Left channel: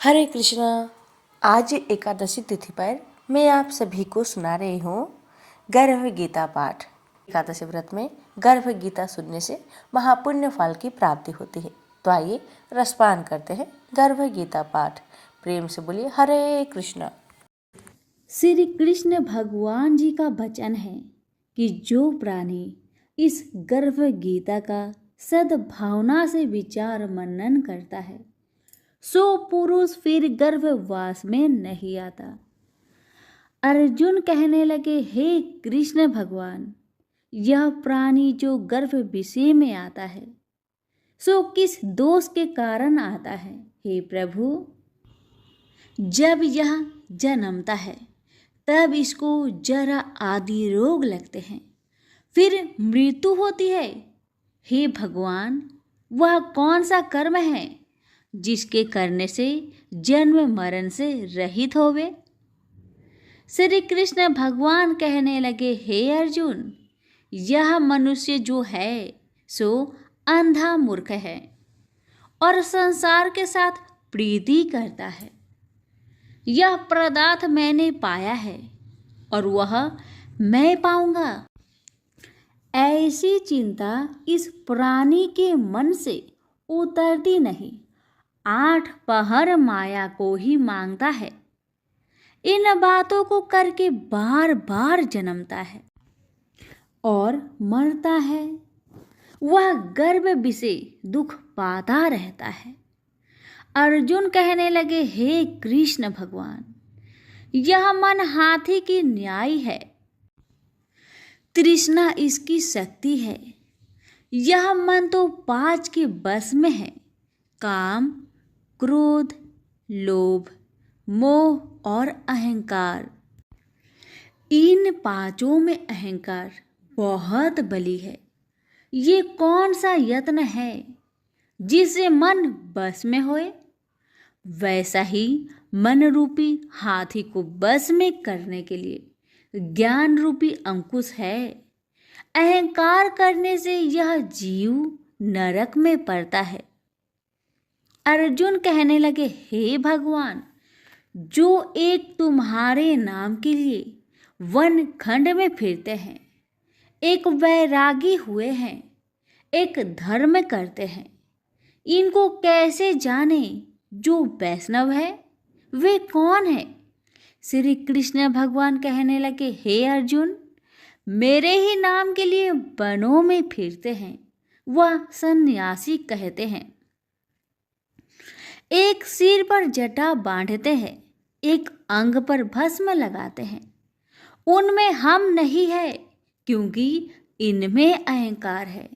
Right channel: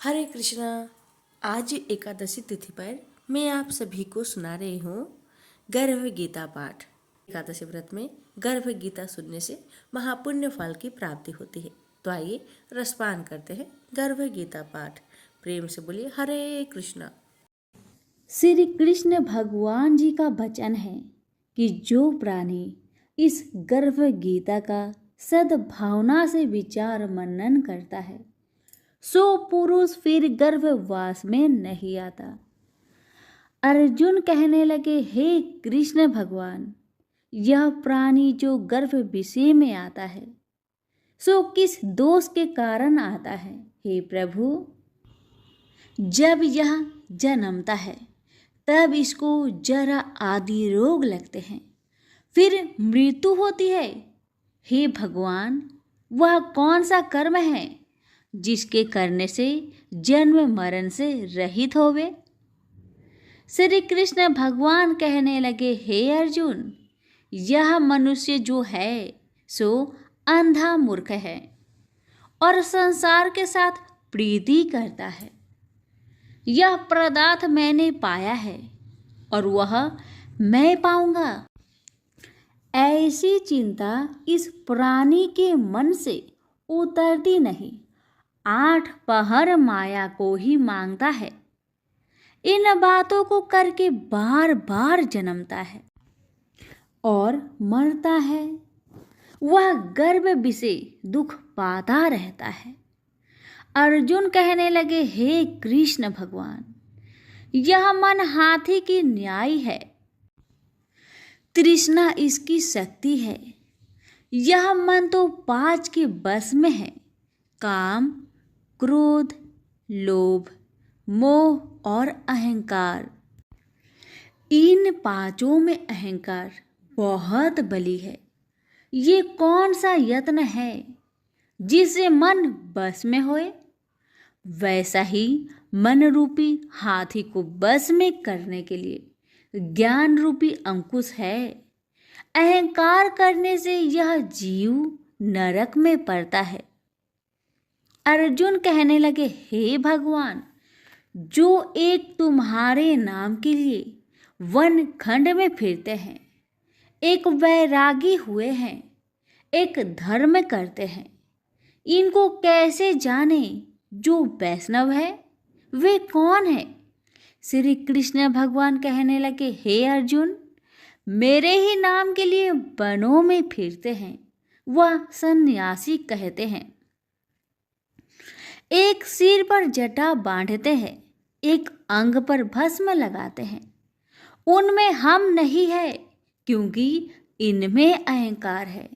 हरे कृष्णा। आज एकादशी तिथि पर मैं आप सभी को सुना रही हूँ गर्भ गीता पाठ। एकादशी व्रत में गर्भ गीता सुनने से महापुण्य फल की प्राप्ति होती है। तो आइए रसपान करते हैं गर्भ गीता पाठ। प्रेम से बोलिए हरे कृष्णा। श्री कृष्ण भगवान जी का वचन है कि जो प्राणी इस गर्भ गीता का सद्भावना से विचार मनन करता है सो पुरुष फिर गर्भवास में नहीं आता। अर्जुन कहने लगे, हे कृष्ण भगवान, यह प्राणी जो गर्भ विषय में आता है सो किस दोष के कारण आता है? हे प्रभु, जब यह जन्मता है तब इसको जरा आदि रोग लगते हैं, फिर मृत्यु होती है। हे भगवान, वह कौन सा कर्म है जिसके करने से जन्म मरण से रहित होवे? श्री कृष्ण भगवान कहने लगे, हे अर्जुन, यह मनुष्य जो है सो अंधा मूर्ख है और संसार के साथ प्रीति करता है। यह पदार्थ मैंने पाया है और वह मैं पाऊंगा, ऐसी चिंता इस प्राणी के मन से उतरती नहीं। 8 पहर माया को ही मांगता है। इन बातों को करके बार बार जन्मता है और मरता है। वह गर्भ विषय दुख पाता रहता है। अर्जुन कहने लगे, हे कृष्ण भगवान, यह मन हाथी की न्याय है, तृष्णा इसकी शक्ति है। यह मन तो 5 के बस में है, काम, क्रोध, लोभ, मोह और अहंकार। इन 5 में अहंकार बहुत बली है। ये कौन सा यत्न है जिससे मन बस में होए? वैसा ही मन रूपी हाथी को बस में करने के लिए ज्ञान रूपी अंकुश है। अहंकार करने से यह जीव नरक में पड़ता है। अर्जुन कहने लगे, हे भगवान, जो एक तुम्हारे नाम के लिए वन खंड में फिरते हैं, एक वैरागी हुए हैं, एक धर्म करते हैं, इनको कैसे जाने? जो वैष्णव है वे कौन है? श्री कृष्ण भगवान कहने लगे, हे अर्जुन, मेरे ही नाम के लिए वनों में फिरते हैं वह सन्यासी कहते हैं। एक सिर पर जटा बांधते हैं, एक अंग पर भस्म लगाते हैं। उनमें हम नहीं है, क्योंकि इनमें अहंकार है।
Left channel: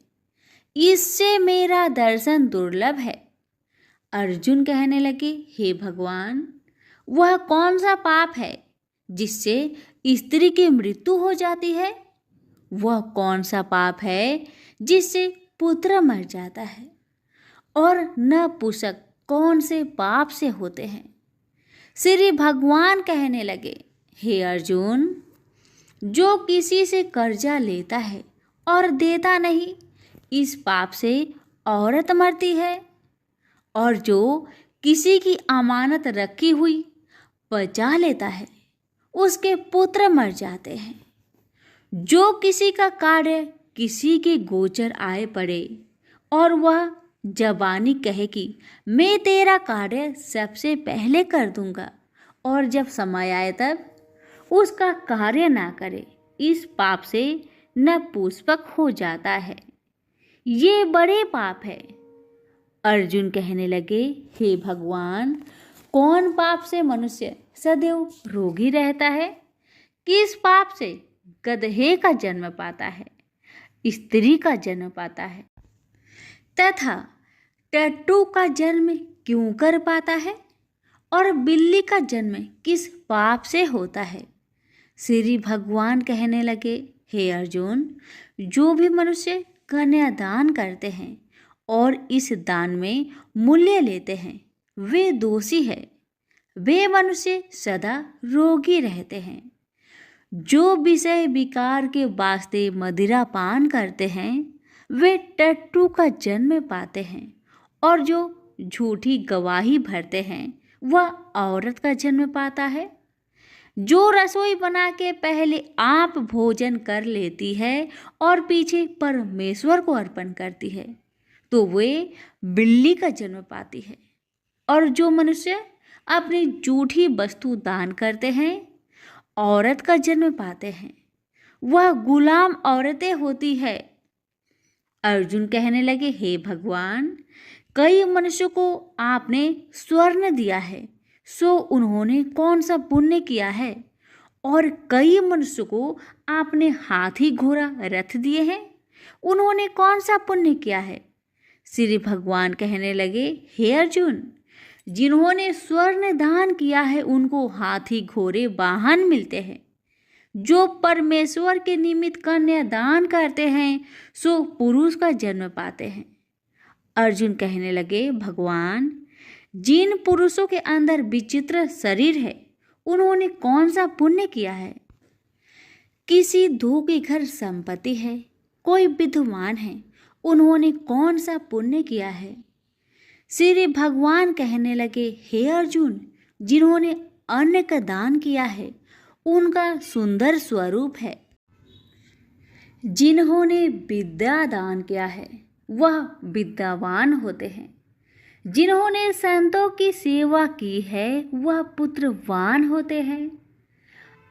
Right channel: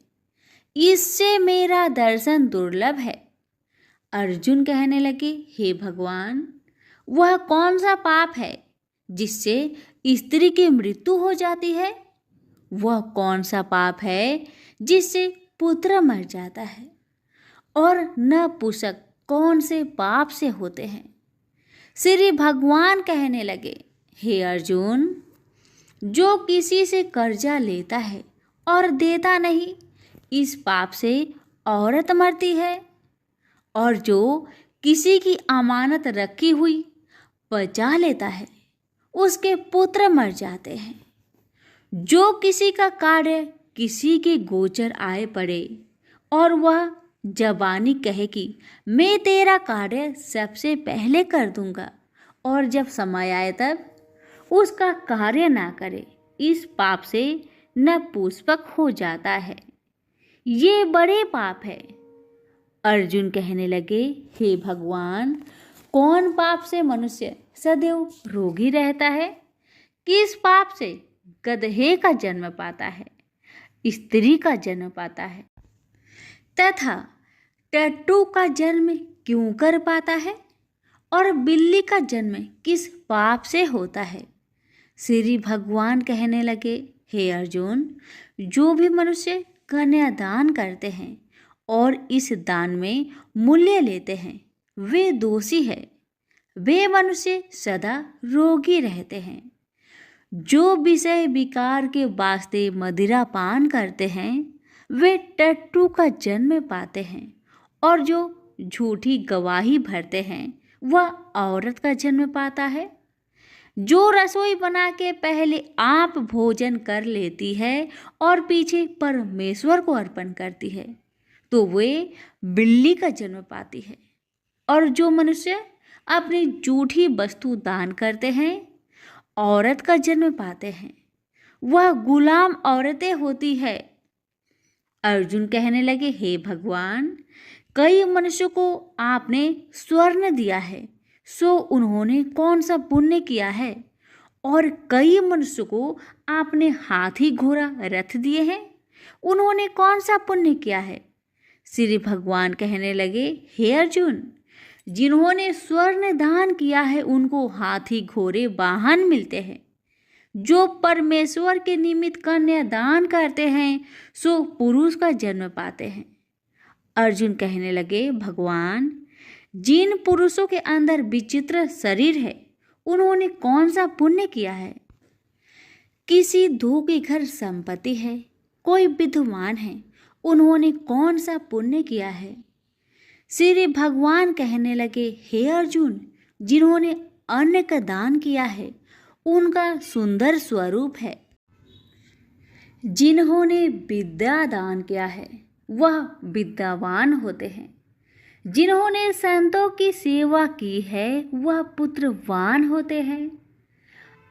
इससे मेरा दर्शन दुर्लभ है। अर्जुन कहने लगे, हे भगवान, वह कौन सा पाप है जिससे स्त्री की मृत्यु हो जाती है? वह कौन सा पाप है जिससे पुत्र मर जाता है? और नपुंसक कौन से पाप से होते हैं? श्री भगवान कहने लगे, हे अर्जुन, जो किसी से कर्जा लेता है और देता नहीं, इस पाप से औरत मरती है। और जो किसी की अमानत रखी हुई बचा लेता है, उसके पुत्र मर जाते हैं। जो किसी का कार्य किसी के गोचर आए पड़े और वह जबानी कहे कि मैं तेरा कार्य सबसे पहले कर दूंगा, और जब समय आए तब उसका कार्य ना करे, इस पाप से नपुंसक हो जाता है। ये बड़े पाप है। अर्जुन कहने लगे, हे भगवान, कौन पाप से मनुष्य सदैव रोगी रहता है? किस पाप से गधे का जन्म पाता है, स्त्री का जन्म पाता है, तथा टट्टू का जन्म क्यों कर पाता है? और बिल्ली का जन्म किस पाप से होता है? श्री भगवान कहने लगे, हे अर्जुन, जो भी मनुष्य कन्यादान करते हैं और इस दान में मूल्य लेते हैं, वे दोषी है। वे मनुष्य सदा रोगी रहते हैं। जो विषय विकार के वास्ते मदिरा पान करते हैं, वे टट्टू का जन्म पाते हैं। और जो झूठी गवाही भरते हैं, वह औरत का जन्म पाता है। जो रसोई बना के पहले आप भोजन कर लेती है और पीछे परमेश्वर को अर्पण करती है, तो वे बिल्ली का जन्म पाती है। और जो मनुष्य अपनी जूठी वस्तु दान करते हैं, औरत का जन्म पाते हैं। वह गुलाम औरतें होती है। अर्जुन कहने लगे, हे भगवान, कई मनुष्यों को आपने स्वर्ण दिया है, सो उन्होंने कौन सा पुण्य किया है? और कई मनुष्यों को आपने हाथी घोड़ा रथ दिए हैं, उन्होंने कौन सा पुण्य किया है? श्री भगवान कहने लगे, हे अर्जुन, जिन्होंने स्वर्ण दान किया है उनको हाथी घोड़े वाहन मिलते हैं। जो परमेश्वर के निमित्त कन्या दान करते हैं सो पुरुष का जन्म पाते हैं। अर्जुन कहने लगे, भगवान, जिन पुरुषों के अंदर विचित्र शरीर है उन्होंने कौन सा पुण्य किया है? किसी दो के घर संपत्ति है, कोई विद्वान है, उन्होंने कौन सा पुण्य किया है? श्री भगवान कहने लगे, हे अर्जुन, जिन्होंने अन्न का दान किया है उनका सुंदर स्वरूप है। जिन्होंने विद्या दान किया है वह विद्यावान होते हैं। जिन्होंने संतों की सेवा की है वह पुत्रवान होते हैं।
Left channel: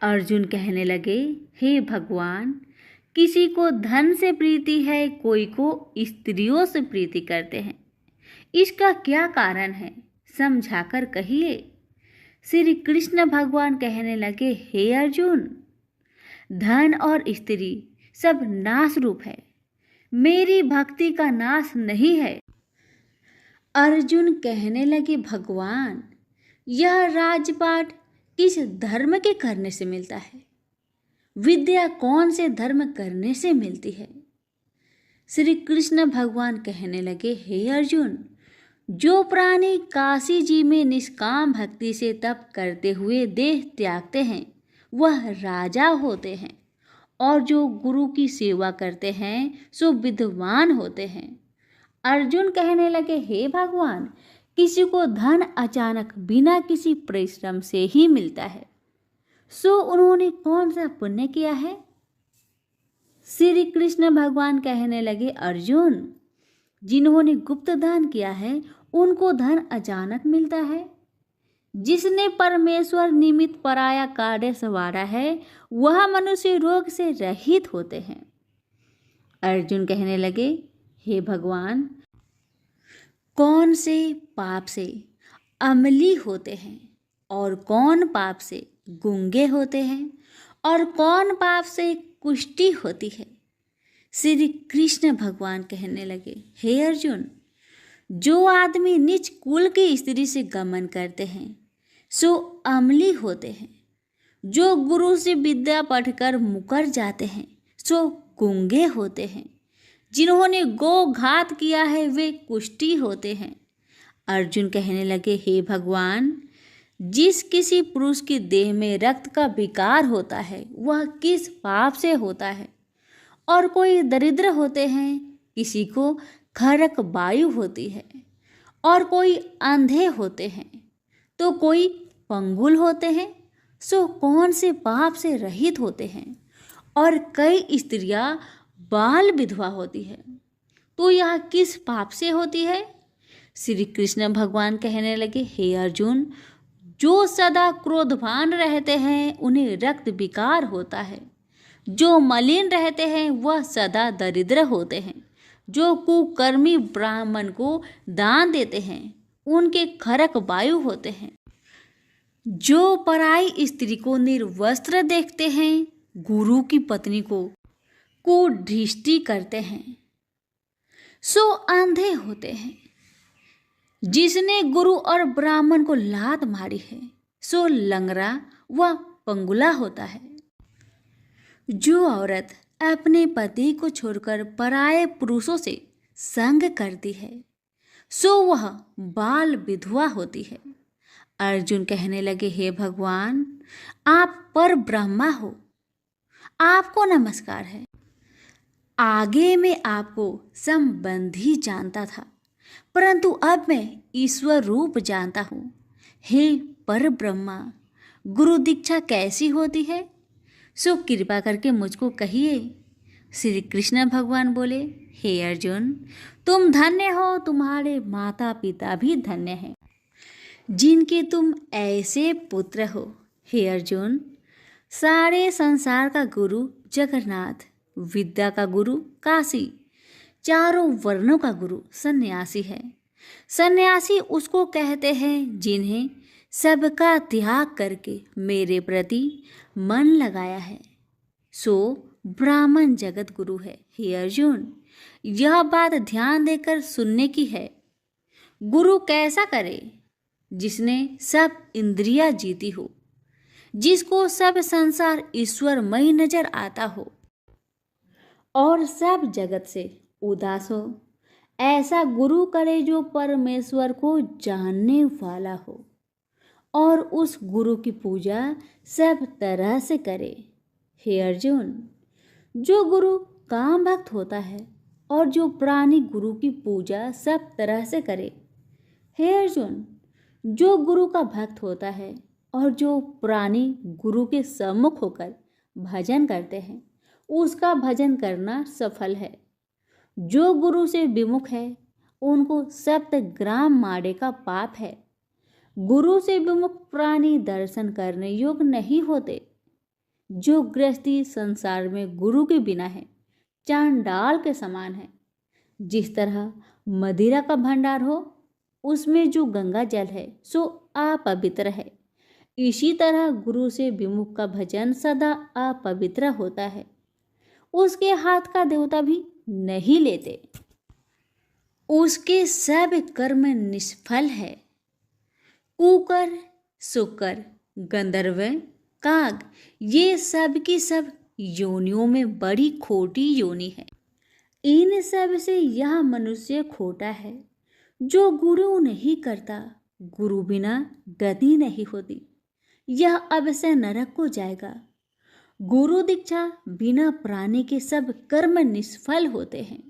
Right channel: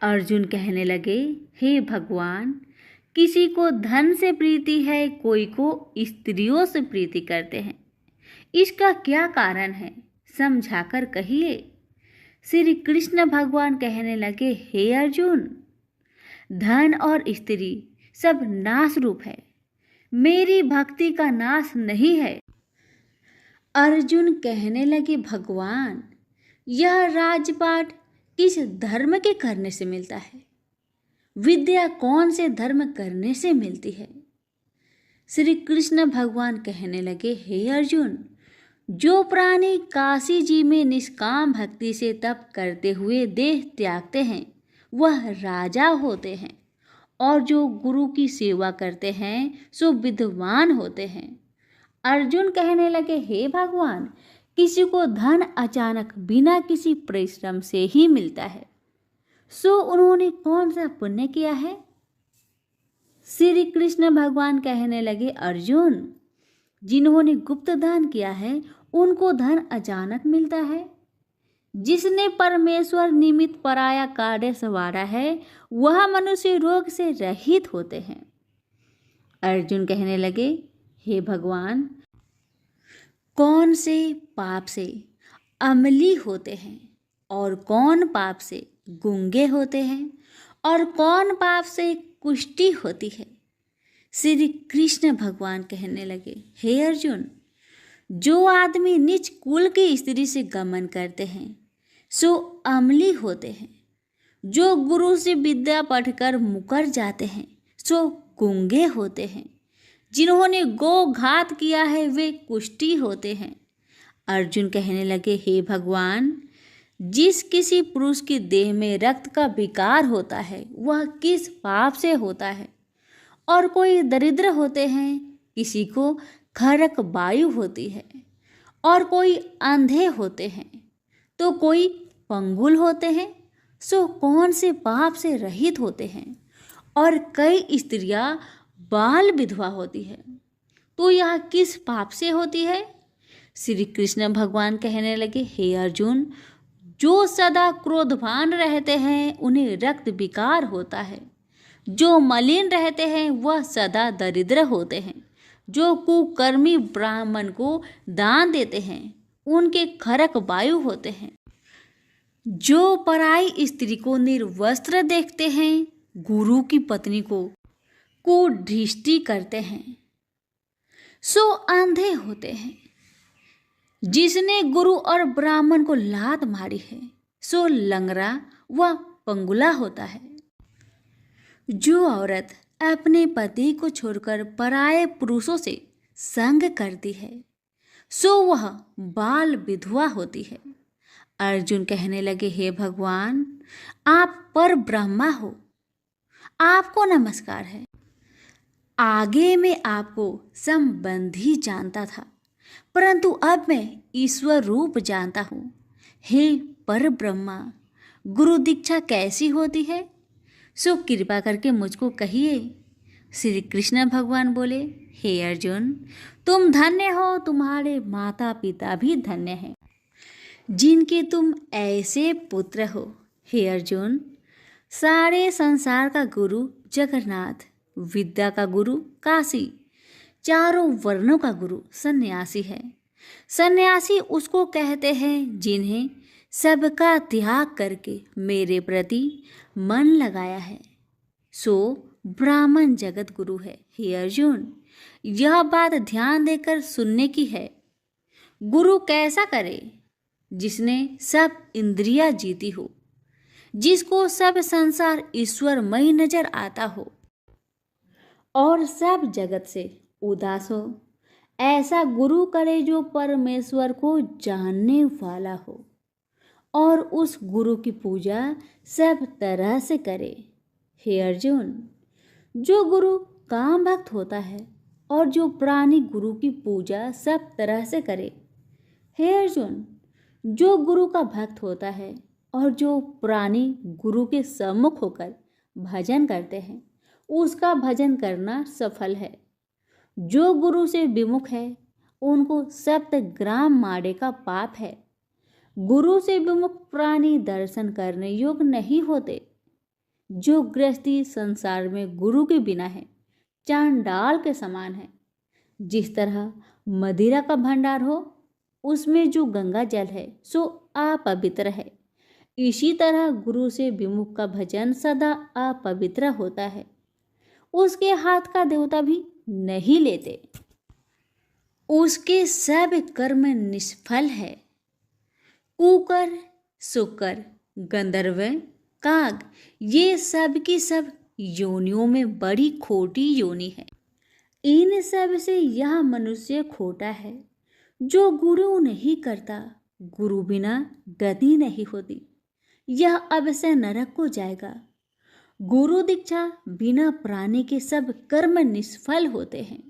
अर्जुन कहने लगे, हे भगवान, किसी को धन से प्रीति है, कोई को स्त्रियों से प्रीति करते हैं। इसका क्या कारण है, समझाकर कहिए। श्री कृष्ण भगवान कहने लगे, हे अर्जुन, धन और स्त्री सब नाश रूप है, मेरी भक्ति का नाश नहीं है। अर्जुन कहने लगे, भगवान, यह राजपाट किस धर्म के करने से मिलता है? विद्या कौन से धर्म करने से मिलती है? श्री कृष्ण भगवान कहने लगे, हे अर्जुन, जो प्राणी काशी जी में निष्काम भक्ति से तप करते हुए देह त्यागते हैं वह राजा होते हैं, और जो गुरु की सेवा करते हैं सो विद्वान होते हैं। अर्जुन कहने लगे, हे भगवान, किसी को धन अचानक बिना किसी परिश्रम से ही मिलता है, सो उन्होंने कौन सा पुण्य किया है? श्री कृष्ण भगवान कहने लगे, अर्जुन, जिन्होंने गुप्त दान किया है उनको धन अचानक मिलता है। जिसने परमेश्वर निमित्त पराया कार्य संवारा है वह मनुष्य रोग से रहित होते हैं। अर्जुन कहने लगे, हे भगवान, कौन से पाप से अमली होते हैं और कौन पाप से गूंगे होते हैं और कौन पाप से कुष्ठी होती है? श्री कृष्ण भगवान कहने लगे, हे अर्जुन, जो आदमी नीच कुल की स्त्री से गमन करते हैं सो अमली होते हैं। जो गुरु से विद्या पढ़कर मुकर जाते हैं सो गूंगे होते हैं। जिन्होंने गो घात किया है वे कुष्ठी होते हैं। अर्जुन कहने लगे, हे भगवान, जिस किसी पुरुष की देह में रक्त का विकार होता है वह किस पाप से होता है? और कोई दरिद्र होते हैं, किसी को खरक वायु होती है, और कोई अंधे होते हैं, तो कोई पंगुल होते हैं, सो कौन से पाप से रहित होते हैं? और कई स्त्रियां बाल विधवा होती है, तो यह किस पाप से होती है? श्री कृष्ण भगवान कहने लगे, हे अर्जुन, जो सदा क्रोधवान रहते हैं उन्हें रक्त विकार होता है। जो मलिन रहते हैं वह सदा दरिद्र होते हैं। जो कुकर्मी ब्राह्मण को दान देते हैं उनके खरक वायु होते हैं। जो पराई स्त्री को निर्वस्त्र देखते हैं, गुरु की पत्नी को कुदृष्टि करते हैं, सो अंधे होते हैं। जिसने गुरु और ब्राह्मण को लात मारी है सो लंगड़ा व पंगुला होता है। जो औरत अपने पति को छोड़कर पराये पुरुषों से संग करती है सो वह बाल विधवा होती है। अर्जुन कहने लगे, हे भगवान, आप पर ब्रह्मा हो, आपको नमस्कार है। आगे मैं आपको संबंधी जानता था, परंतु अब मैं ईश्वर रूप जानता हूँ। हे पर ब्रह्मा, गुरु दीक्षा कैसी होती है, सो कृपा करके मुझको कहिए। श्री कृष्ण भगवान बोले, हे अर्जुन, तुम धन्य हो, तुम्हारे माता पिता भी धन्य हैं जिनके तुम ऐसे पुत्र हो। हे अर्जुन, सारे संसार का गुरु जगन्नाथ, विद्या का गुरु काशी, चारों वर्णों का गुरु सन्यासी है। सन्यासी उसको कहते हैं जिन्हें सबका त्याग करके मेरे प्रति मन लगाया है, सो ब्राह्मण जगत गुरु है। हे अर्जुन, यह बात ध्यान देकर सुनने की है। गुरु कैसा करे? जिसने सब इंद्रियां जीती हो, जिसको सब संसार ईश्वरमय नजर आता हो और सब जगत से उदास हो। ऐसा गुरु करे जो परमेश्वर को जानने वाला हो और उस गुरु की पूजा सब तरह से करे। हे अर्जुन, जो गुरु काम भक्त होता है और जो प्राणी गुरु की पूजा सब तरह से करे। हे अर्जुन, जो गुरु का भक्त होता है और जो प्राणी गुरु के सम्मुख होकर भजन करते हैं, उसका भजन करना सफल है। जो गुरु से विमुख है, उनको 7 ग्राम माड़े का पाप है। गुरु से विमुख प्राणी दर्शन करने योग्य नहीं होते। जो गृहस्थी संसार में गुरु के बिना है, चांडाल के समान है। जिस तरह मदिरा का भंडार हो, उसमें जो गंगा जल है सो अपवित्र है, इसी तरह गुरु से विमुख का भजन सदा अपवित्र होता है। उसके हाथ का देवता भी नहीं लेते, उसके सब कर्म निष्फल है। कुकर, शुकर, गंधर्व, काग, ये सब की सब योनियों में बड़ी खोटी योनि है। इन सब से यह मनुष्य खोटा है। जो गुरु नहीं करता, गुरु बिना गति नहीं होती, यह अवश्य नरक को जाएगा। गुरु दीक्षा बिना प्राणी के सब कर्म निष्फल होते हैं।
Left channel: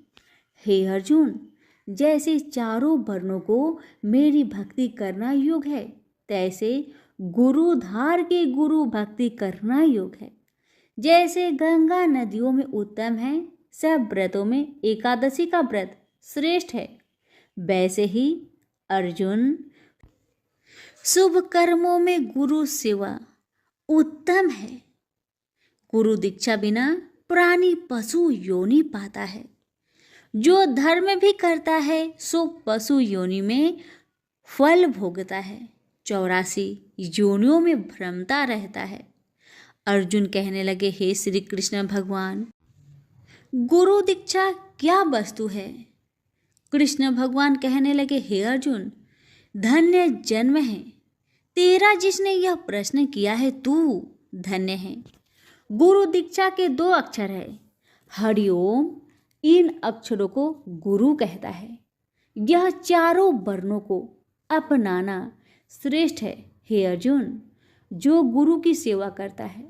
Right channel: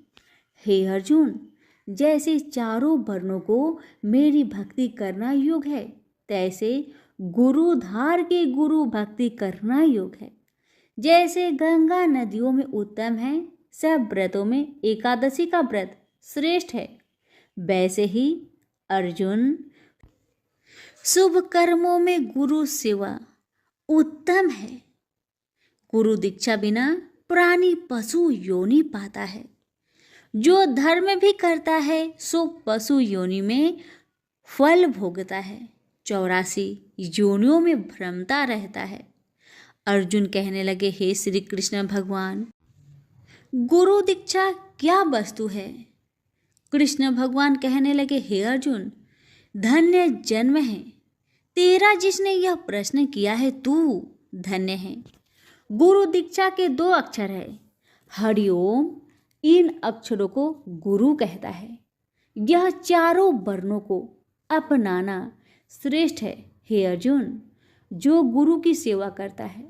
हे अर्जुन, जैसे चारों वर्णों को मेरी भक्ति करना योग है, तैसे गुरुधार के गुरु भक्ति करना योग है। जैसे गंगा नदियों में उत्तम है, सब व्रतों में एकादशी का व्रत श्रेष्ठ है, वैसे ही अर्जुन, शुभ कर्मों में गुरु सेवा उत्तम है। गुरु दीक्षा बिना प्राणी पशु योनि पाता है। जो धर्म भी करता है सो पशु योनि में फल भोगता है, 84 योनियों में भ्रमता रहता है। अर्जुन कहने लगे, हे श्री कृष्ण भगवान, गुरु दीक्षा क्या वस्तु है? कृष्ण भगवान कहने लगे, हे अर्जुन, धन्य जन्म है तेरा जिसने यह प्रश्न किया है, तू धन्य है। गुरु दीक्षा के 2 अक्षर है, हरिओम। इन अक्षरों को गुरु कहता है। यह चारों वर्णों को अपनाना श्रेष्ठ है। हे अर्जुन, जो गुरु की सेवा करता है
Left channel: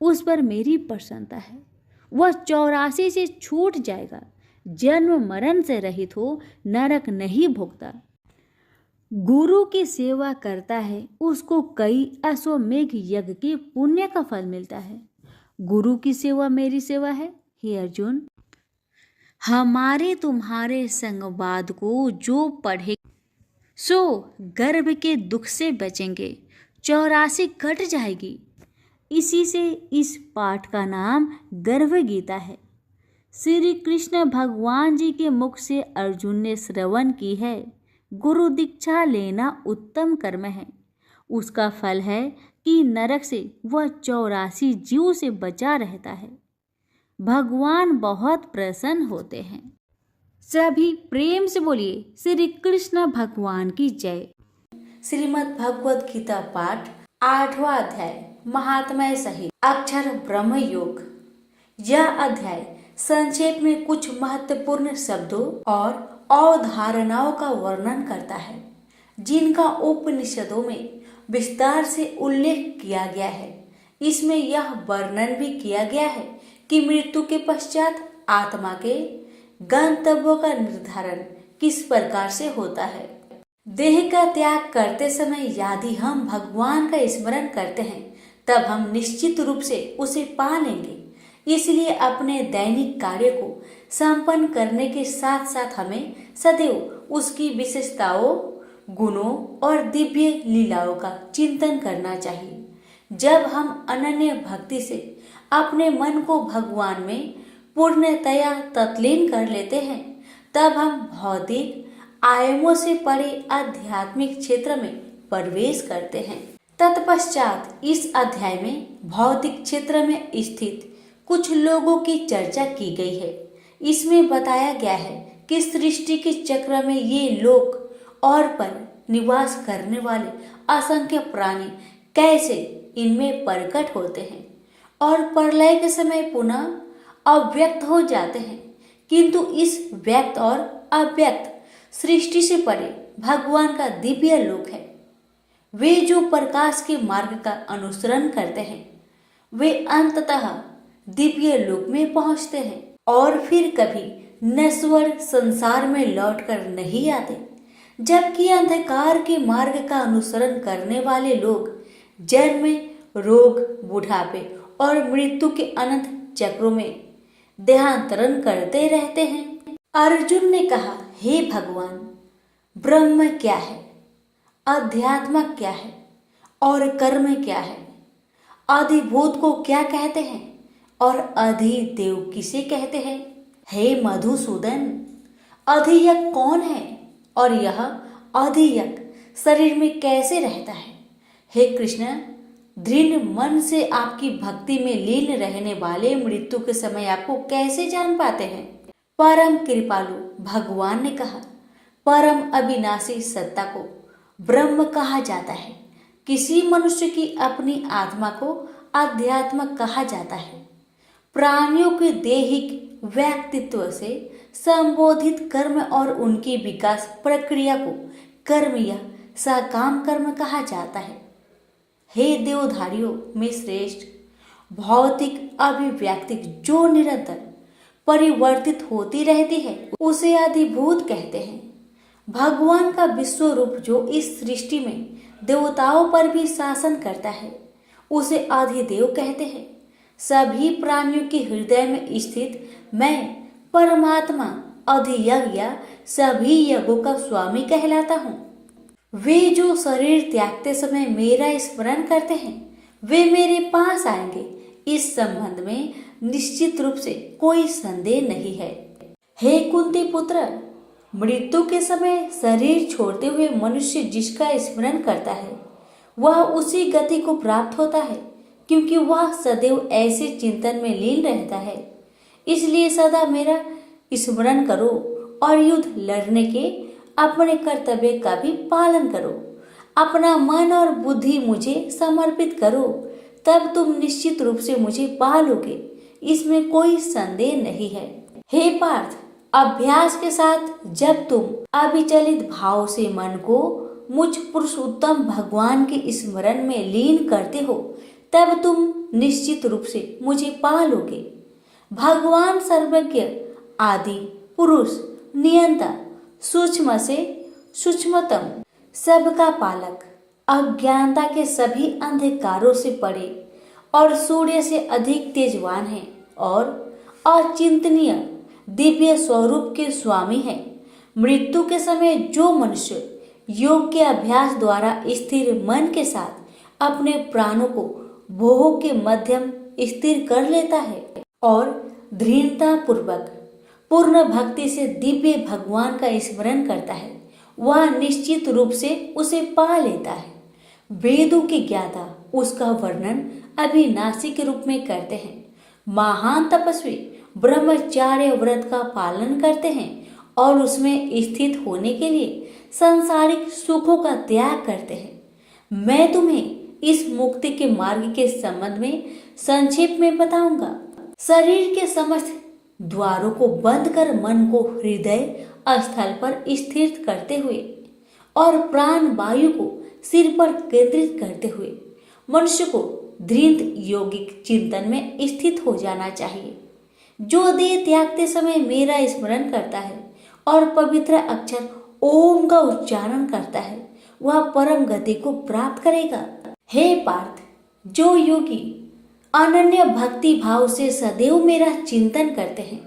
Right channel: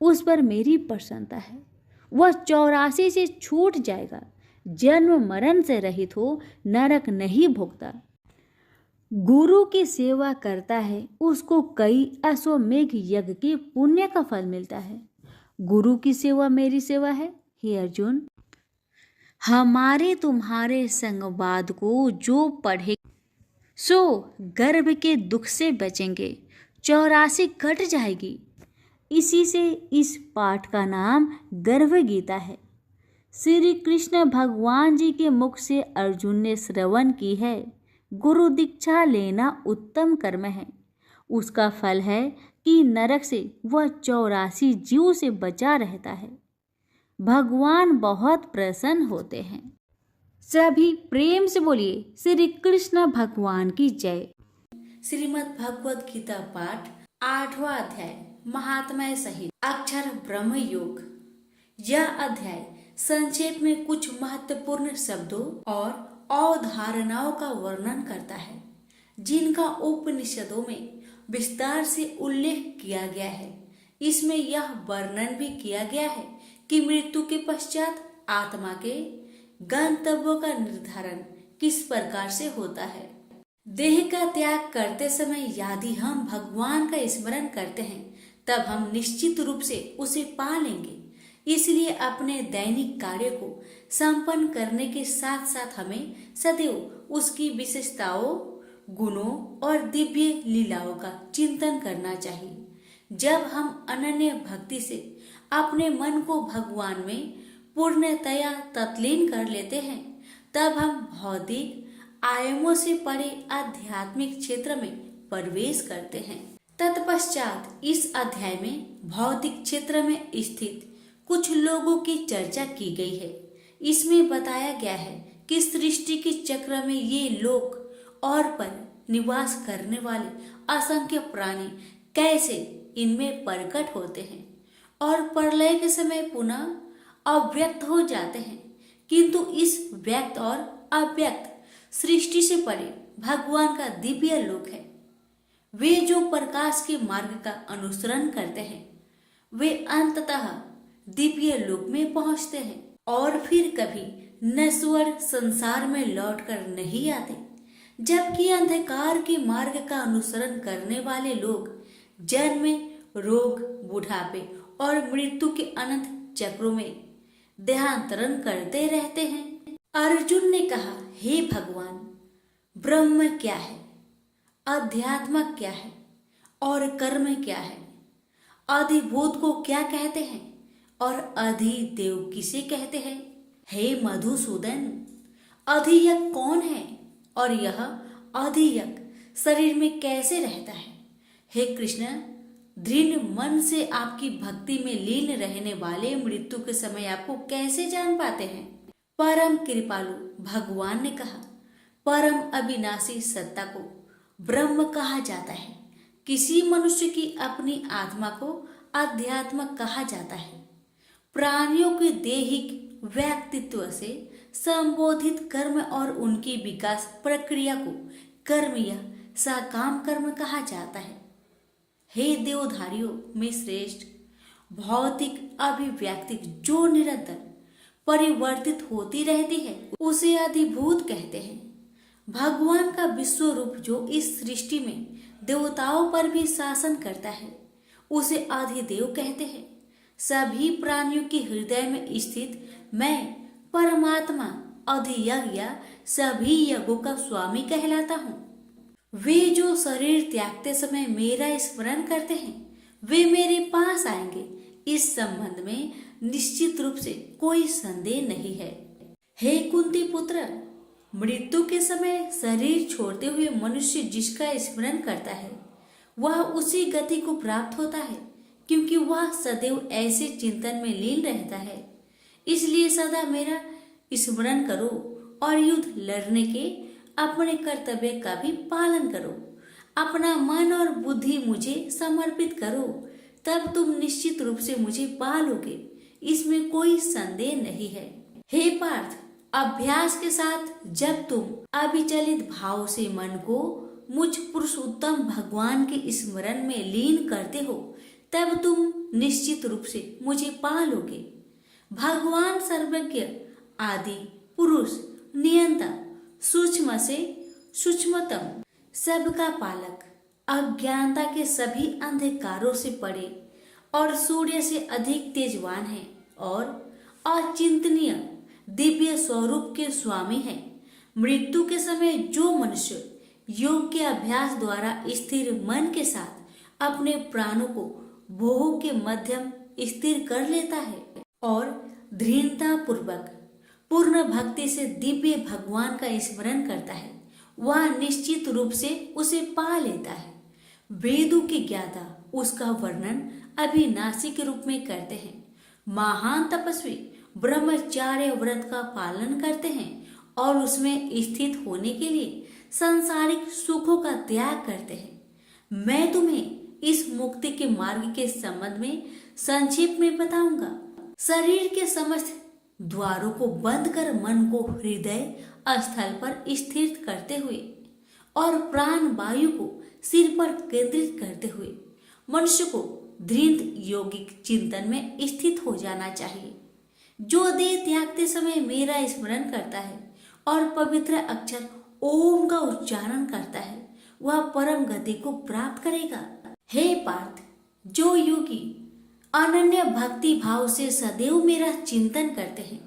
उस पर मेरी प्रसन्नता है। वह 84 से छूट जाएगा, जन्म मरण से रहित हो, नरक नहीं भोगता। गुरु की सेवा करता है, उसको कई अश्वमेघ यज्ञ के पुण्य का फल मिलता है। गुरु की सेवा मेरी सेवा है। हे अर्जुन, हमारे तुम्हारे संवाद को जो पढ़े सो गर्भ के दुख से बचेंगे, 84 कट जाएगी। इसी से इस पाठ का नाम गर्भ गीता है। श्री कृष्ण भगवान जी के मुख से अर्जुन ने श्रवण की है। गुरु दीक्षा लेना उत्तम कर्म है। उसका फल है कि नरक से वह 84 जीव से बचा रहता है। भगवान बहुत प्रसन्न होते हैं। सभी प्रेम से बोलिए, श्री कृष्ण भगवान की जय। श्रीमद् भगवद गीता पाठ 8वां अध्याय, महात्म्य सहित अक्षर ब्रह्म योग। यह अध्याय संक्षेप में कुछ महत्वपूर्ण शब्दों और अवधारणाओं का वर्णन करता है, जिनका उपनिषदों में विस्तार से उल्लेख किया गया है। इसमें यह वर्णन भी किया गया है कि मृत्यु के पश्चात आत्मा के गंतव्यों का निर्धारण किस प्रकार से होता है। देह का त्याग करते समय यदि हम भगवान का स्मरण करते हैं तब हम निश्चित रूप से उसे पा लेंगे। इसलिए अपने दैनिक कार्य को संपन्न करने के साथ साथ हमें सदैव उसकी विशेषताओं, गुणों और दिव्य लीलाओं का चिंतन करना चाहिए। जब हम अनन्य भक्ति से अपने मन को भगवान में पूर्णतया तल्लीन कर लेते हैं तब हम भौतिक आयामों से परे आध्यात्मिक क्षेत्र में प्रवेश करते हैं। तत्पश्चात इस अध्याय में भौतिक क्षेत्र में स्थित कुछ लोगों की चर्चा की गई है। इसमें बताया गया है कि सृष्टि के चक्र में ये लोक और पर निवास करने वाले असंख्य प्राणी कैसे इनमें प्रकट होते हैं और प्रलय के समय पुनः अव्यक्त हो जाते हैं। किंतु इस व्यक्त और अव्यक्त सृष्टि से परे भगवान का दिव्य लोक है। वे जो प्रकाश के मार्ग का अनुसरण करते हैं वे अंततः दिव्य लोक में पहुंचते हैं और फिर कभी नश्वर संसार में लौटकर नहीं आते। जबकि अंधकार के मार्ग का अनुसरण करने वाले लोग जन्म, रोग, बुढ़ापे और मृत्यु के अनंत चक्रों में देहांतरण करते रहते हैं। अर्जुन ने कहा, हे भगवान, ब्रह्म क्या है, अध्यात्म क्या है और कर्म क्या है, अधिभूत को क्या कहते हैं और अधिदेव किसे कहते हैं? हे मधुसूदन, अधियज्ञ कौन है और यह अधियज्ञ शरीर में कैसे रहता है? हे कृष्ण, दृढ़ मन से आपकी भक्ति में लीन रहने वाले मृत्यु के समय आपको कैसे जान पाते हैं? परम कृपालु भगवान ने कहा, परम अविनाशी सत्ता को ब्रह्म कहा जाता है। किसी मनुष्य की अपनी आत्मा को अध्यात्म कहा जाता है। प्राणियों के दैहिक व्यक्तित्व से संबोधित कर्म और उनकी विकास प्रक्रिया को कर्म या सकाम कर्म कहा जाता है। हे देवधारियों में श्रेष्ठ, भौतिक अभिव्यक्ति जो निरंतर परिवर्तित होती रहती है उसे अधिभूत कहते हैं। भगवान का विश्व रूप जो इस सृष्टि में देवताओं पर भी शासन करता है उसे अधिदेव कहते हैं। सभी प्राणियों के हृदय में स्थित मैं परमात्मा अधियज्ञ या सभी यज्ञों का स्वामी कहलाता हूँ। वे जो शरीर त्यागते समय मेरा स्मरण करते हैं वे मेरे पास आएंगे। इस संबंध में निश्चित रूप से कोई संदेह नहीं है। हे कुंती पुत्र, मृत्यु के समय शरीर छोड़ते हुए मनुष्य जिसका स्मरण करता है वह उसी गति को प्राप्त होता है, क्योंकि वह सदैव ऐसे चिंतन में लीन रहता है। इसलिए सदा मेरा स्मरण करो और युद्ध लड़ने के अपने कर्तव्य का भी पालन करो। अपना मन और बुद्धि मुझे समर्पित करो, तब तुम निश्चित रूप से मुझे पा लोगे। इसमें कोई संदेह नहीं है। हे पार्थ, अभ्यास के साथ जब तुम अविचलित भाव से मन को मुझ पुरुषोत्तम भगवान के स्मरण में लीन करते हो तब तुम निश्चित रूप से मुझे पा लोगे। भगवान सर्वज्ञ, आदि पुरुष, नियंता, सूक्ष्म से सूक्ष्मतम, सबका पालक, अज्ञानता के सभी अंधकारों से परे और सूर्य से अधिक तेजवान है और अचिंतनीय दिव्य स्वरूप के स्वामी है। मृत्यु के समय जो मनुष्य योग के अभ्यास द्वारा स्थिर मन के साथ अपने प्राणों को भोग के मध्यम स्थिर कर लेता है और दृढ़ता पूर्वक पूर्ण भक्ति से दिव्य भगवान का स्मरण करता है, वह निश्चित रूप से उसे पा लेता है। वेदों के ज्ञाता उसका वर्णन अविनाशी के रूप में करते हैं। महान तपस्वी ब्रह्मचार्य व्रत का पालन करते हैं और उसमें स्थित होने के लिए सांसारिक सुखों का त्याग करते हैं। मैं तुम्हें इस मुक्ति के मार्ग के संबंध में संक्षेप में बताऊंगा। शरीर के समस्त द्वारों को बंद कर मन को हृदय स्थल पर स्थिर करते हुए और प्राण वायु को सिर पर केंद्रित करते हुए मनुष्य को दृढ़ योगिक चिंतन में स्थित हो जाना चाहिए। जो देह त्यागते समय मेरा स्मरण करता है और पवित्र अक्षर ओम का उच्चारण करता है वह परम गति को प्राप्त करेगा। हे पार्थ, जो योगी अनन्य भक्ति भाव से सदैव मेरा चिंतन करते हैं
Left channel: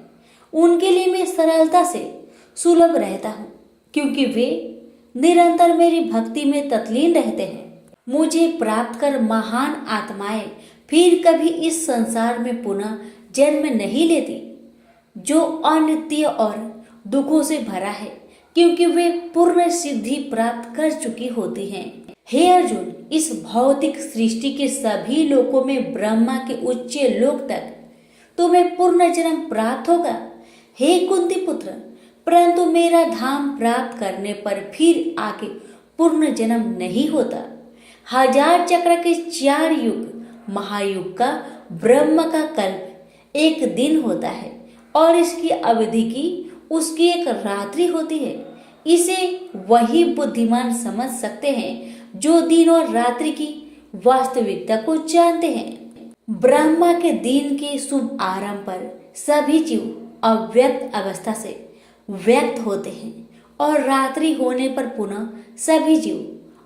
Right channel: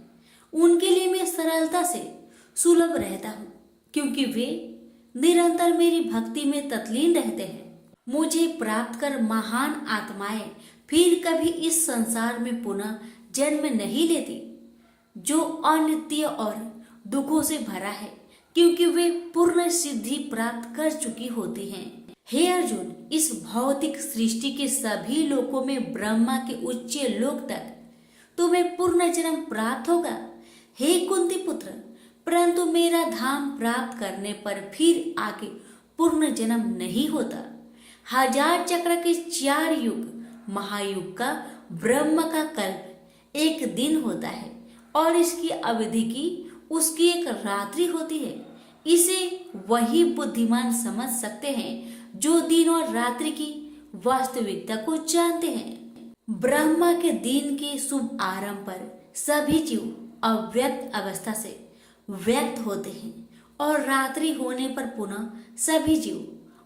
उनके लिए मैं सरलता से सुलभ रहता हूँ, क्योंकि वे निरंतर मेरी भक्ति में तत्लीन रहते हैं। मुझे प्राप्त कर महान आत्माएं फिर कभी इस संसार में पुनः जन्म नहीं लेती, जो अनित्य और दुखों से भरा है, क्योंकि वे पूर्ण सिद्धि प्राप्त कर चुकी होती हैं। हे अर्जुन, इस भौतिक सृष्टि के सभी लोकों में ब्रह्मा के उच्च लोक तक तुम्हें पूर्ण जन्म प्राप्त होगा। हे कुंती पुत्र, परंतु मेरा धाम प्राप्त करने पर फिर आगे पूर्ण जन्म नहीं होता। 1000 चक्र के 4 युग महायुग का ब्रह्म का कल्प एक दिन होता है और इसकी अवधि की उसकी एक रात्रि होती है। इसे वही बुद्धिमान समझ सकते हैं जो दिन और रात्रि की वास्तविकता को जानते हैं। ब्रह्मा के दिन के शुभ आरंभ पर सभी जीव अव्यक्त अवस्था से व्यक्त होते हैं और रात्रि होने पर पुनः सभी जीव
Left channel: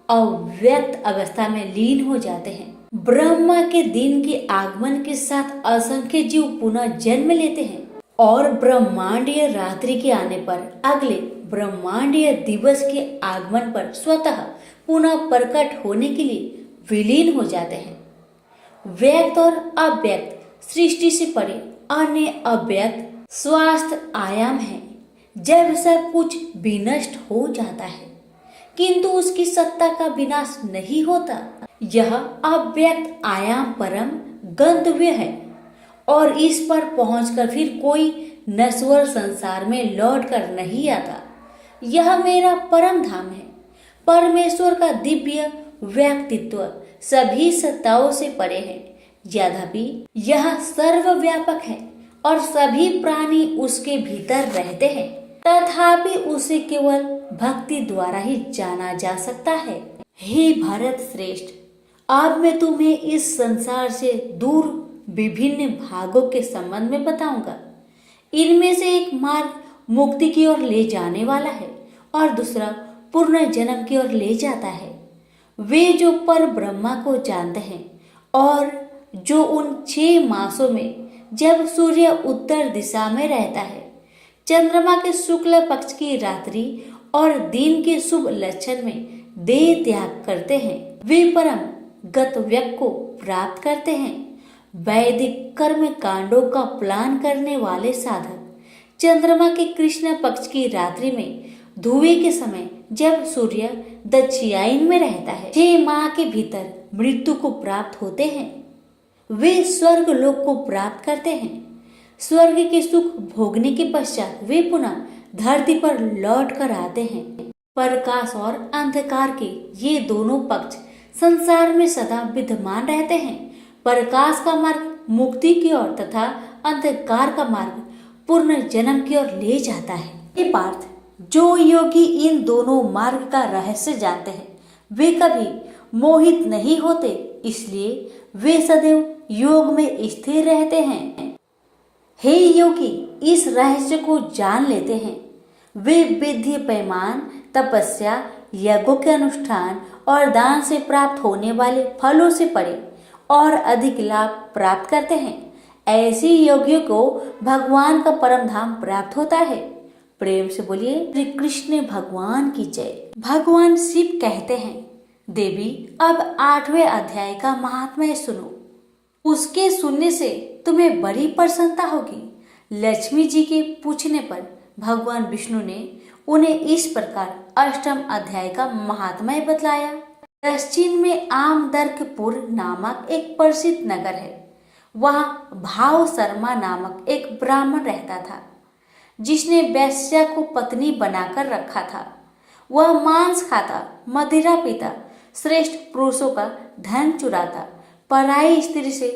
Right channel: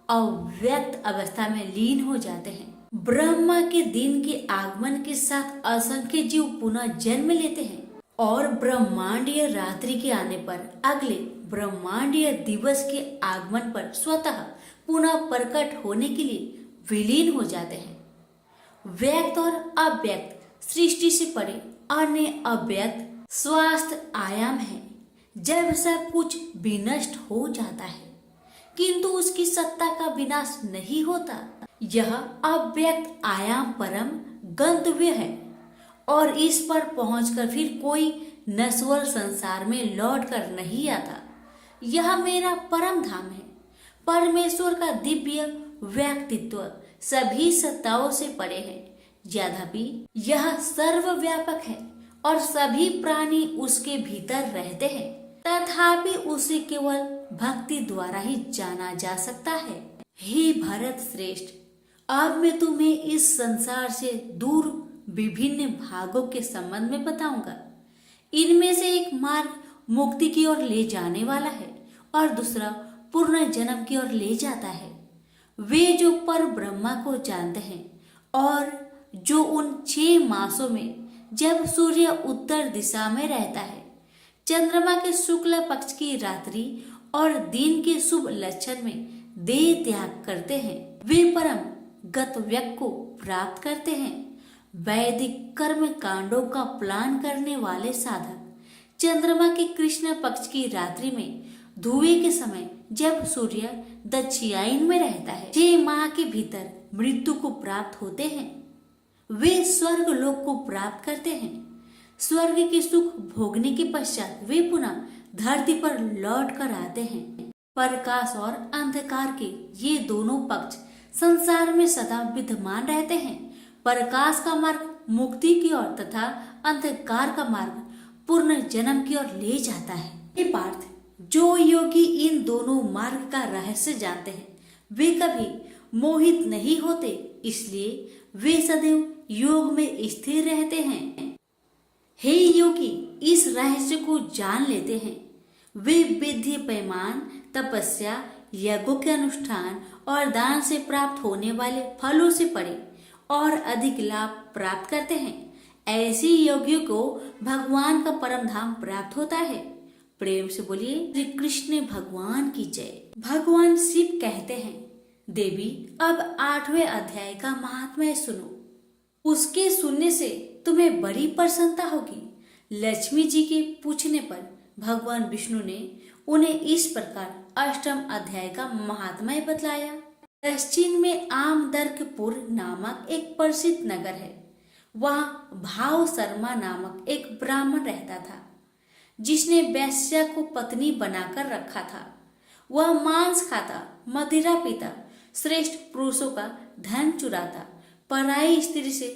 अव्यक्त अवस्था में लीन हो जाते हैं। ब्रह्मा के दिन के आगमन के साथ असंख्य जीव पुनः जन्म लेते हैं और ब्रह्मांडीय रात्रि के आने पर अगले ब्रह्मांडीय दिवस के आगमन पर स्वतः पुनः प्रकट होने के लिए विलीन हो जाते हैं। व्यक्त और अव्यक्त सृष्टि से परे अन्य अव्यक्त स्वास्थ्य आयाम है। जब सब कुछ विनष्ट हो जाता है किंतु उसकी सत्ता का विनाश नहीं होता। यह अव्यक्त आयाम परम गंतव्य है और इस पर पहुंचकर फिर कोई नश्वर संसार में लौट कर नहीं आता। यह मेरा परम धाम है। परमेश्वर का दिव्य व्यक्तित्व सभी सत्ताओं से परे है, यद्यपि यह सर्वव्यापक है और सभी प्राणी उसके भीतर रहते हैं, तथापि उसे केवल भक्ति द्वारा ही जाना जा सकता है। हे भरत श्रेष्ठ, अब मैं तुम्हें इस संसार से दूर विभिन्न भागों के संबंध में बताऊंगा। इनमें से एक मार्ग मुक्ति की ओर ले जाने वाला है और दूसरा पूर्ण जन्म की ओर ले जाता है। वे जो पर ब्रह्मा को जानते हैं और जो उन 6 मासों में जब सूर्य उत्तर दिशा में रहता है, चंद्रमा के शुक्ल पक्ष की रात्रि और दिन के शुभ लक्षण में देह त्याग करते हैं, वे परम गत व्यक्ति को प्राप्त करते हैं। वैदिक कर्म कांडों का प्लान करने वाले साधक चंद्रमा के कृष्ण पक्ष की रात्रि में धुएं के समय जब सूर्य दक्षिणायन में रहता है 6 माह के भीतर मृत्यु को प्राप्त होते हैं। वे स्वर्ग लोक को प्राप्त करते हैं। स्वर्ग के सुख भोगने के पश्चात वे पुनः धरती पर लौट कर आते हैं। प्रकाश और अंधकार के ये दोनों पक्ष संसार में सदा विद्यमान रहते हैं। प्रकाश का मार्ग मुक्ति की ओर तथा अंधकार का मार्ग पूर्ण जन्म की ओर ले जाता है। हे पार्थ, जो योगी इन दोनों मार्ग का रहस्य जानते हैं वे कभी मोहित नहीं होते, इसलिए वे सदैव योग में स्थिर रहते हैं। हे योगी, इस रहस्य को जान लेते हैं वे विधि पैमान तपस्या यज्ञों के अनुष्ठान और दान से प्राप्त होने वाले फलों से परे और अधिक लाभ प्राप्त करते हैं। ऐसे योगियों को भगवान का परम धाम प्राप्त होता है। प्रेम से बोलिए श्री कृष्ण भगवान की जय। भगवान शिव कहते हैं, देवी अब 8वें अध्याय का महात्म्य सुनो। उसके सुनने से तुम्हें बड़ी प्रसन्नता होगी। लक्ष्मी जी के पूछने पर भगवान विष्णु ने उन्हें इस प्रकार 8वें अध्याय का महात्म्य बतलाया। दक्षिण में आमदर्कपुर नामक एक प्रसिद्ध नगर है। वहाँ भाव शर्मा नामक एक ब्राह्मण रहता था, जिसने वैश्या को पत्नी बनाकर रखा था। वह मांस खाता, मदिरा पीता, श्रेष्ठ पुरुषों का धन चुराता, पराई स्त्री से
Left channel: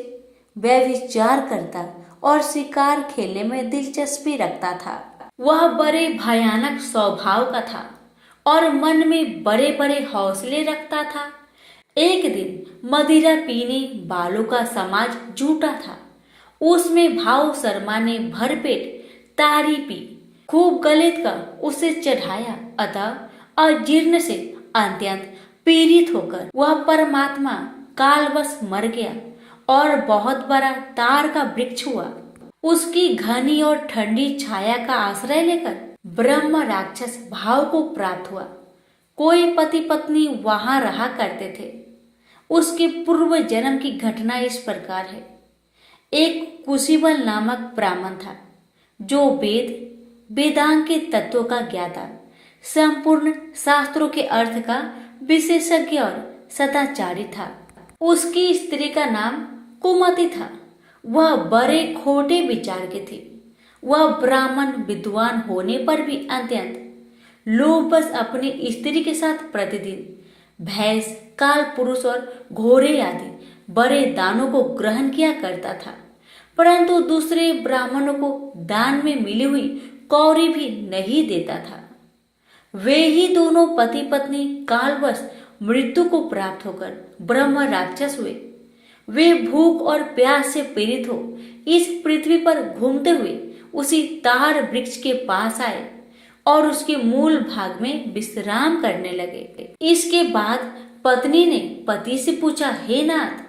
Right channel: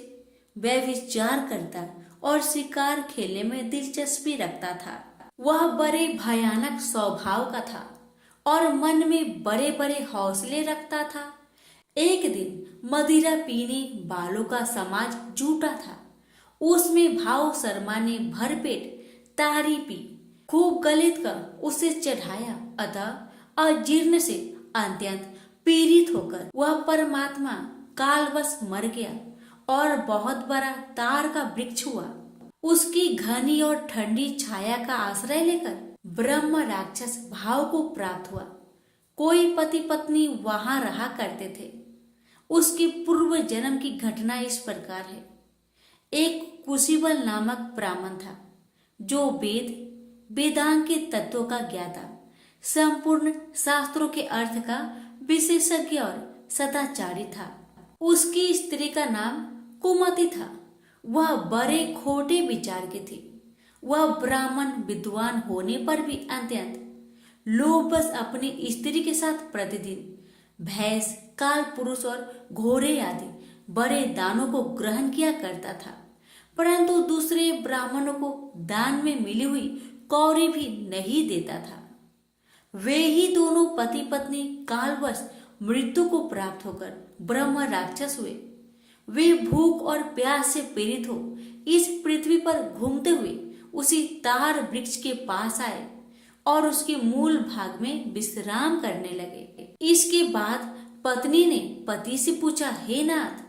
व्यभिचार करता और शिकार खेलने में दिलचस्पी रखता था। वह बड़े भयानक स्वभाव का था और मन में बड़े बड़े हौसले रखता था। एक दिन मदिरा पीने वालों का समाज जुटा था। उसमें भाव शर्मा ने भरपेट तारी पी, खूब गलित कर उसे चढ़ाया, अतः अजीर्ण से अत्यंत पीड़ित होकर वह परमात्मा कालवश मर गया और बहुत बड़ा तार का वृक्ष हुआ। उसकी घनी और ठंडी छाया का आश्रय लेकर ब्रह्म राक्षस भाव को प्राप्त हुआ। कोई पति पत्नी वहां रहा करते थे। उसके पूर्व जन्म की घटना इस प्रकार है। एक कुशीबल नामक ब्राह्मण था, जो वेदांग के तत्वों का ज्ञाता, संपूर्ण शास्त्रों के अर्थ का विशेषज्ञ और सदाचारी था। उसकी स्त्री का नाम कुमति था। वह बड़े खोटे विचार की थी। वह ब्राह्मण विद्वान होने पर भी अत्यंत लोभवश अपनी स्त्री के साथ प्रतिदिन भैंस, काल पुरुष और घोड़े आदि बड़े दानों को ग्रहण किया करता था, परंतु दूसरे ब्राह्मणों को दान में मिली हुई कौड़ी भी नहीं देता था। वे ही दोनों पति पत्नी कालवश मृत्यु को प्राप्त होकर ब्रह्म राक्षस हुए। वे भूख और प्यास से पीड़ित हो इस पृथ्वी पर घूमते हुए उसी तार वृक्ष के पास आए और उसके मूल भाग में विश्राम करने लगे। इसके बाद पत्नी ने पति से पूछा, हे नाथ,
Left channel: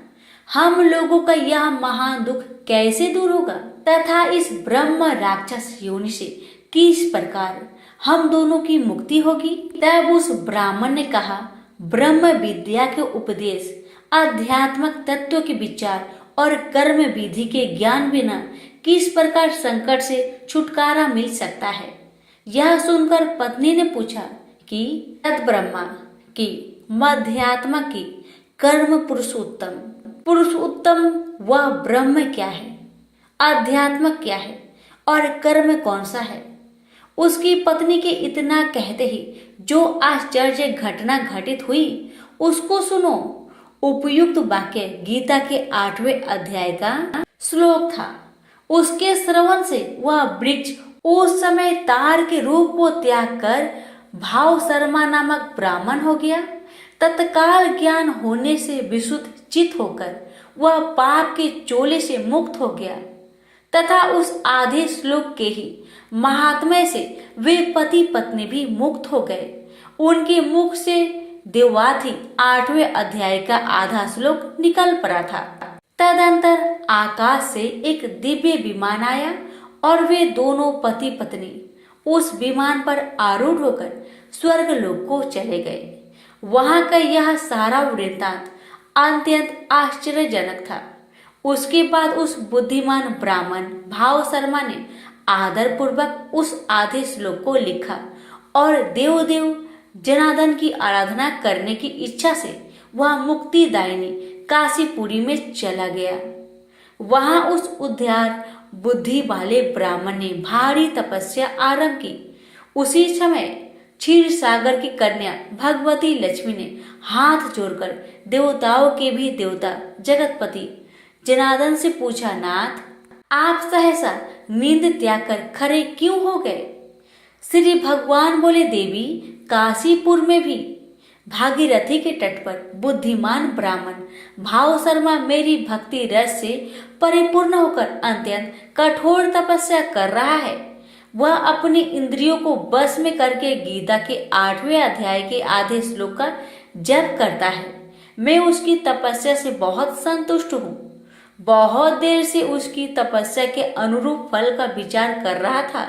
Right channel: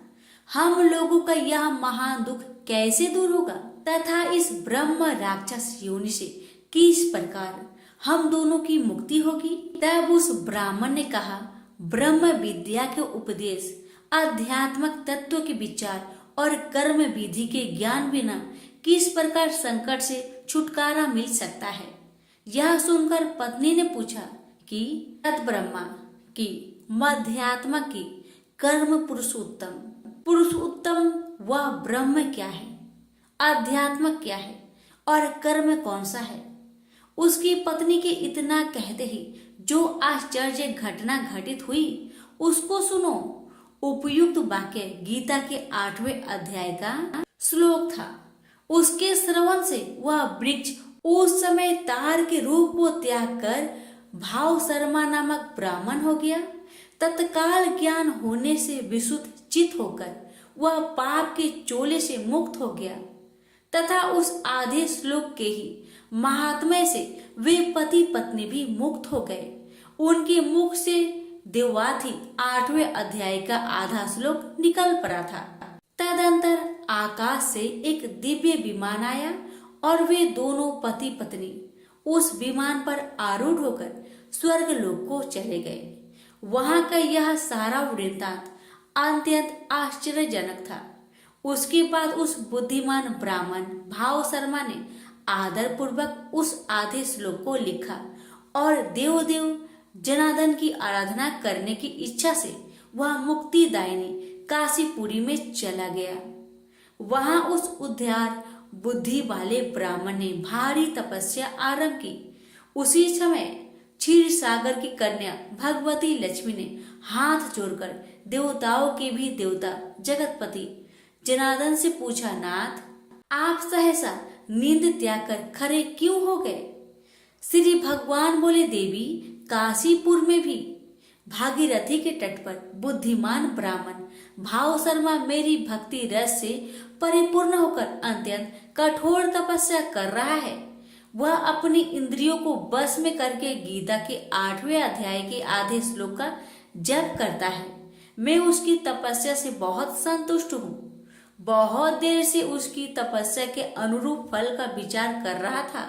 हम लोगों का यह महान दुख कैसे दूर होगा तथा इस ब्रह्म राक्षस योनि से किस प्रकार हम दोनों की मुक्ति होगी? तब उस ब्राह्मण ने कहा, ब्रह्म विद्या के उपदेश, आध्यात्मिक तत्व के विचार और कर्म विधि के ज्ञान बिना किस प्रकार संकट से छुटकारा मिल सकता है? यह सुनकर पत्नी ने पूछा कि तद ब्रह्मा की मध्यात्मा की कर्म पुरुषोत्तम वह ब्रह्म क्या है, आध्यात्म क्या है और कर्म कौन सा है? उसकी पत्नी के इतना कहते ही जो आश्चर्य घटना घटित हुई उसको सुनो। उपयुक्त वाक्य गीता के 8वें अध्याय का श्लोक था। उसके श्रवण से वह वृक्ष उस समय तार के रूप को त्याग कर भाव शर्मा नामक ब्राह्मण हो गया। तत्काल ज्ञान होने से विशुद्ध चित होकर वह पाप के चोले से मुक्त हो गया तथा उस आधे श्लोक के ही महात्म्य से वे पति पत्नी भी मुक्त हो गए। उनके मुख से देवाथी 8वें अध्याय का आधा श्लोक निकल पड़ा था। तदंतर आकाश से एक दिव्य विमान आया और वे दोनों पति पत्नी उस विमान पर आरूढ़ होकर स्वर्ग लोक को चले गए। वहां का यह सारा वृत्तांत अत्यंत आश्चर्यजनक था। उसके बाद उस बुद्धिमान ब्राह्मण भाव शर्मा ने आदर पूर्वक उस आधे श्लोक को लिखा और देव जनार्दन की आराधना करने की इच्छा से वह मुक्तिदायिनी काशीपुरी में चला गया। वहां उस उद्धार बुद्धि वाले ब्राह्मण ने भारी तपस्या आरंभ की। उसी समय क्षीर सागर की कन्या भगवती लक्ष्मी ने हाथ जोड़कर देवताओं के भी देवता जगतपति जनार्दन से पूछा, नाथ, आप सहसा नींद त्याग कर खड़े क्यों हो गए? श्री भगवान बोले, देवी, काशीपुर में भी भागीरथी के तट पर बुद्धिमान ब्राह्मण भाव शर्मा मेरी भक्ति रस से परिपूर्ण होकर अत्यंत कठोर तपस्या कर रहा है। वह अपनी इंद्रियों को बस में करके गीता के 8वें अध्याय के आधे श्लोक का जप करता है। मैं उसकी तपस्या से बहुत संतुष्ट हूँ। बहुत देर से उसकी तपस्या के अनुरूप फल का विचार कर रहा था।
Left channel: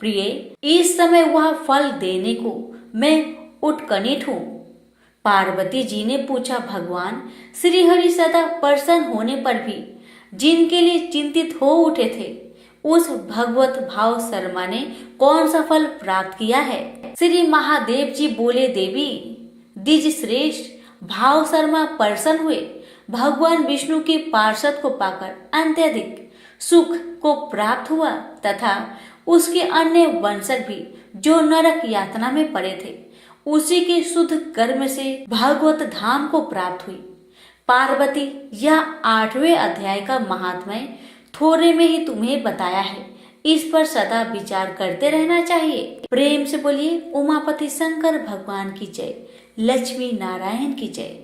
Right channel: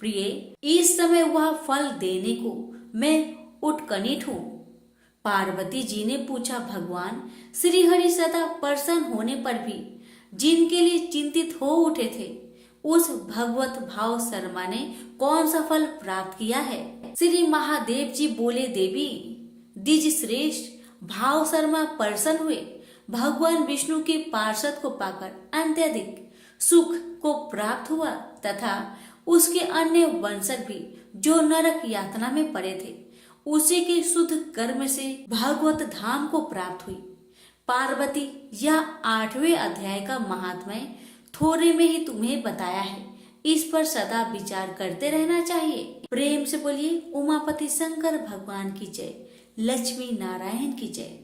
प्रिय, इस समय वह फल देने को मैं उत्कंठित हूँ। पार्वती जी ने पूछा, भगवान श्री हरि सदा प्रसन्न होने पर भी जिनके लिए चिंतित हो उठे थे, उस भगवत भाव शर्मा ने कौन सा फल प्राप्त किया है? श्री महादेव जी बोले, देवी, द्विज श्रेष्ठ भाव शर्मा प्रसन्न हुए। भगवान विष्णु के पार्षद को पाकर अत्यधिक सुख को प्राप्त हुआ तथा उसके अन्य वंशज भी जो नरक यातना में पड़े थे, उसी के शुद्ध कर्म से भागवत धाम को प्राप्त हुई। पार्वती, यह 8वें अध्याय का महात्म्य थोड़े में ही तुम्हें बताया है। इस पर सदा विचार करते रहना चाहिए। प्रेम से बोलिए उमापति शंकर भगवान की जय, लक्ष्मी नारायण की जय।